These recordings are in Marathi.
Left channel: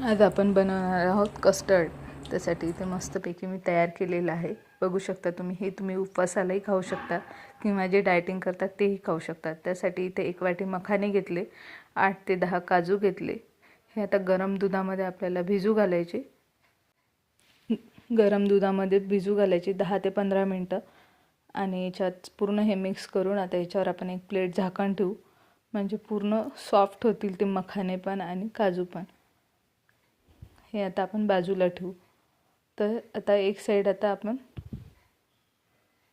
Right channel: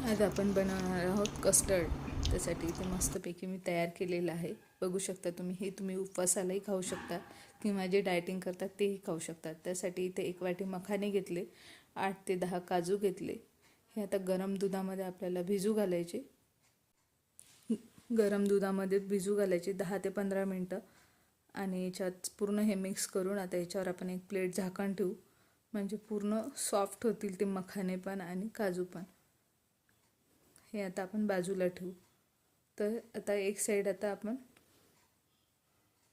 आज आपण बनवणार आहोत कस्टर्ड. त्यासाठी इथे मस्तपैकी मी तयार केलेलं आहे. बघू शकता तुम्ही. हे तुम्ही उपवासालाही खाऊ शकता किंवा जे डायटिंग करतात तेही खाऊ शकतात. त्यासाठी इथे 1 वाटी मखाने घेतले, 8 ते 10 काजू घेतले. हे आता गरम दुधामध्ये आपल्याला भिजू घालायचे. गरम दुधामध्ये भिजू घालायचे 10 ते 15 मिनटं. आणि याच्यात पूर्ण हे मिक्स करून आता याच्यावर आपण एक प्लेट झाकण ठेवू, म्हणजे पूर्ण सॉफ्ट होतील ते मखाने पण आणि काजू पण. हे आता आपण बाजूला ठेवू. तर आता एक साईड आता आपण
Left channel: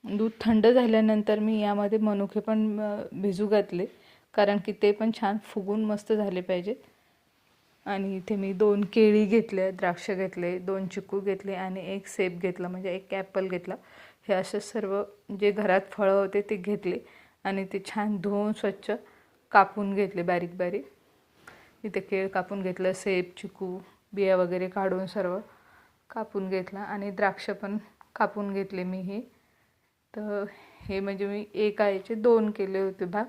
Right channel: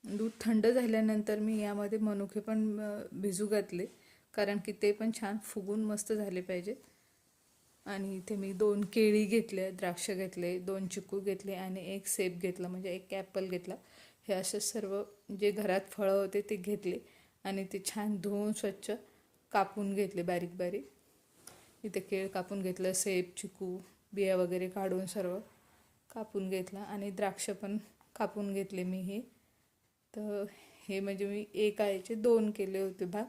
दूध थंड झाल्यानंतर मी यामध्ये मनुके पण भिजू घातले, कारण की ते पण छान फुगून मस्त झाले पाहिजेत. आणि इथे मी 2 केळी घेतले, द्राक्ष घेतले, 2 चिकू घेतले आणि 1 सेब घेतला, म्हणजे 1 ॲपल घेतला. हे असे सर्व जे घरात फळं होते ते घेतले आणि ते छान धुवून स्वच्छ कापून घेतले बारीक बारीक. इथे केळ कापून घेतलं, सेब, चिकू, बिया वगैरे काढून सर्व कापून घेतला आणि द्राक्ष पण कापून घेतले मी. हे तर हे म्हणजे मी एका याचे 2 केले होते भाग,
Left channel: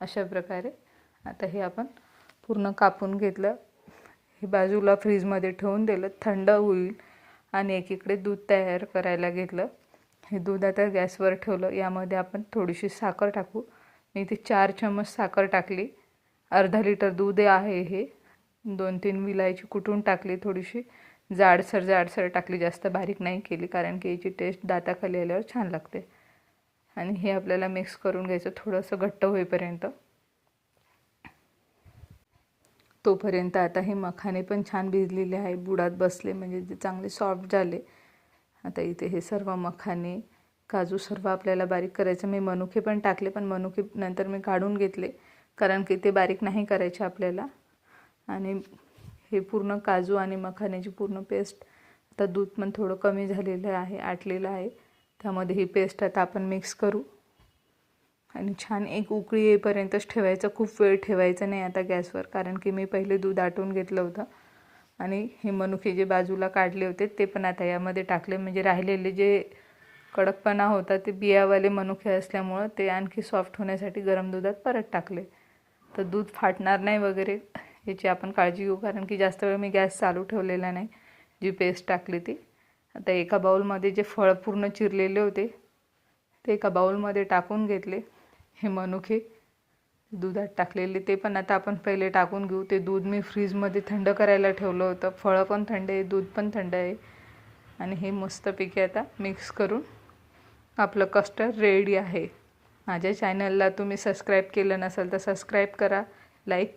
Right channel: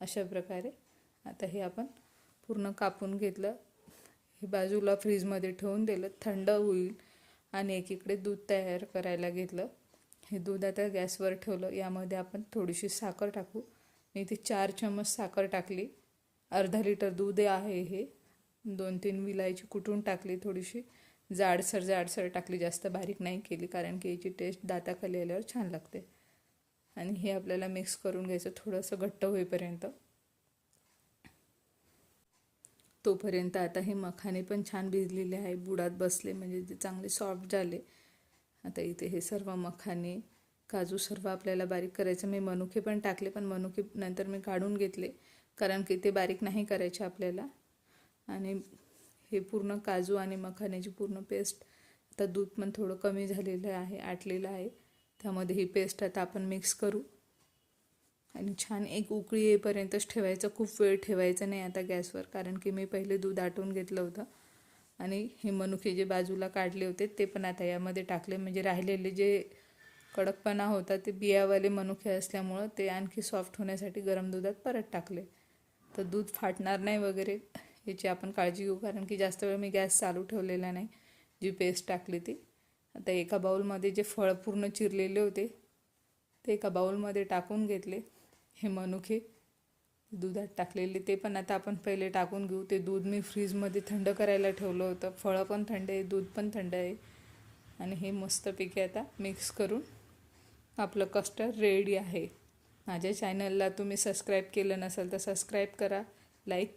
अशा प्रकारे. आता हे आपण पूर्ण कापून घेतलं. हे बाजूला फ्रीजमध्ये ठेवून दिलं, थंड होईल. आणि एकीकडे दूध तयार करायला घेतलं. हे दूध आता गॅसवर ठेवलं. यामध्ये आपण थोडीशी साखर टाकू. मी इथे 4 चम्मच साखर टाकली. अर्धा लिटर दूध आहे हे. 2-3 विलायची कुटून टाकली, थोडीशी जाडसर टाकली, जास्त बारीक नाही केली, कारण की याची टेस्ट दाताखाली आल्यावर छान लागते. आणि हे आपल्याला मिक्स करून घ्यायचं थोडंसं घट्ट होईपर्यंत. तोपर्यंत आता हे मखाने पण छान भिजलेले आहे, बुडात बसले, म्हणजे ते चांगले सॉफ्ट झाले. आता इथे हे सर्व मखाने, काजू सर्व आपल्याला बारीक करायचं. मी मनुके पण टाकले, पण मनुके नंतर मी काढून घेतले, कारण की ते बारीक नाही करायचे आपल्याला. आणि हे पूर्ण काजू आणि मखान्याची पूर्ण पेस्ट, आता दूध पण थोडं कमी झालेलं आहे, आटलेलं आहे, त्यामध्ये ही पेस्ट आता आपण मिक्स करू. आणि छान एक उकळी येईपर्यंतच ठेवायचं, खूप वेळ ठेवायचं नाही आता गॅसवर, कारण की मी पहिले दूध आटून घेतलं होतं. आणि हे मनुके जे बाजूला काढले होते ते पण आता यामध्ये टाकले, म्हणजे राहिलेले जे कडकपणा होता ते बियावाले मनुके असल्यामुळं ते आणखी सॉफ्ट होण्यासाठी गरम दुधात परत टाकले. तर दूध फाटणार नाही वगैरे याची आपण काळजी घेऊ, कारण की जास्त वेळ मी गॅस चालू ठेवलेला नाही. जी पेस्ट टाकली ती आता एका बाउलमध्ये, जे फळ पूर्ण चिरलेले होते ते एका बाउलमध्ये टाकून घेतले. हे मनुके दुधात टाकलेले ते पण आता आपण पहिले टाकून घेऊ. ते दूध मी फ्रीजमध्ये थंड करायला ठेवलं होतं. फळं पण थंड आहे, दूध पण थंड आहे. आणि हे मस्तपैकी आता मिक्स करून आपलं कस्टर्ड रेडी आहे. माझ्या चॅनलला तुम्ही सबस्क्राईब केलं नसेल तर सबस्क्राईब करा, लाईक